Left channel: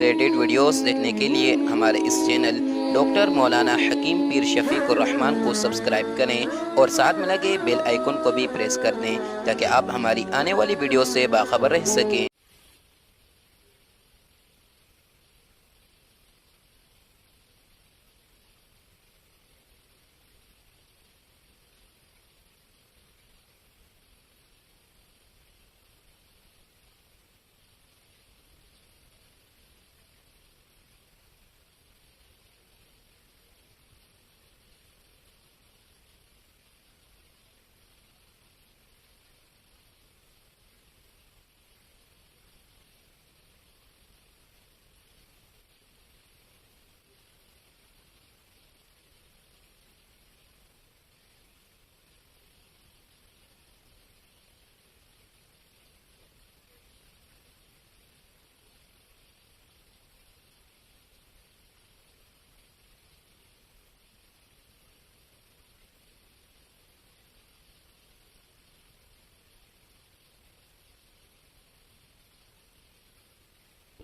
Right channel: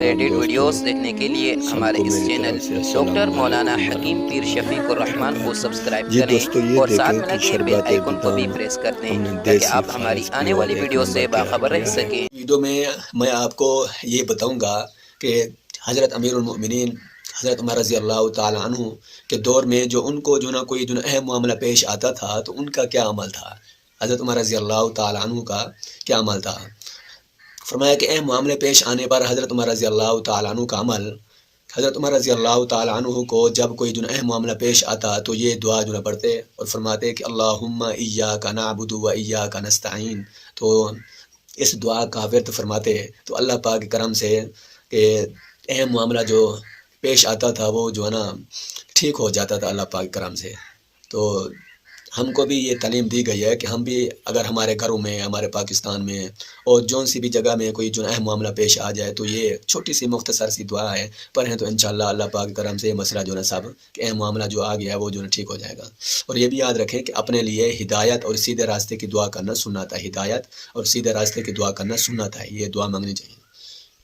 Related videos دیکھنے کے لیے ہمارے اس چینل ڈاکٹر مولانا حکیم پیر شفیق الرحمان کو سبسکرائب کریں اور ساتھ میں لگے بیل آئیکن کو بھی پریس کر دیں تاکہ آپ ہماری آنے والی ویڈیو سے باخبر رہ سکیں۔ ویڈیو میں آپ کو یہ بتاؤں گا کہ حضرت امیر المؤمنین حضرت عمر رضی اللہ تعالیٰ عنہ کے دور میں جو ان کو جو نا کوئی جو اہم معاملہ پیش آتا تھا تو ان کا کیا عمل تھا، حضرت عمر رضی اللہ تعالیٰ عنہ کا کیا عمل تھا۔ فرمایا کہ اہم معاملے پیش آنے پر حضرت عمر رضی اللہ تعالیٰ عنہ کا عمل، حضرت عمر رضی اللہ تعالیٰ عنہ کو جب کوئی جو اہم معاملہ پیش آتا تو یہ دعا جو پڑھتے اور فرماتے کہ اللہم ایاک نعبد و ایاک نستعین، تو اس دعا کا ورد فرماتے تو اللہ پاک کے کرم سے کہ اہم معاملہ جو پیش آتا تھا وہ جو ہے نا ٹھیک ہو جاتا تھا اللہ پاک کے کرم سے۔ تو ہم کو بھی یہ تعلیم دی گئی ہے کہ ہم بھی اگر ہمارے گھروں میں، ہمارے پاکستان میں اور جون سی بھی جگہ میں کوئی جو اہم معاملہ پیش آ جائے تو یہ چھوٹی سی مختصر سی دعا ہے، پڑھیں تو انشاءاللہ اللہ پاک کے کرم سے یہ مسئلہ جو ہے صاحب کہ اہم معاملہ جو آ گیا ہے وہ جو ہے ٹھیک ہو جائے گا۔ اور یہ بھی یاد رکھیں کہ اپنے لیے ہدایت اور سیدھے راستے کی دعا کرنا سنت ہے، ہدایت اور سیدھے راستے کی دعا کرنا سنت ہے، یہ دعا مانگنی چاہیے۔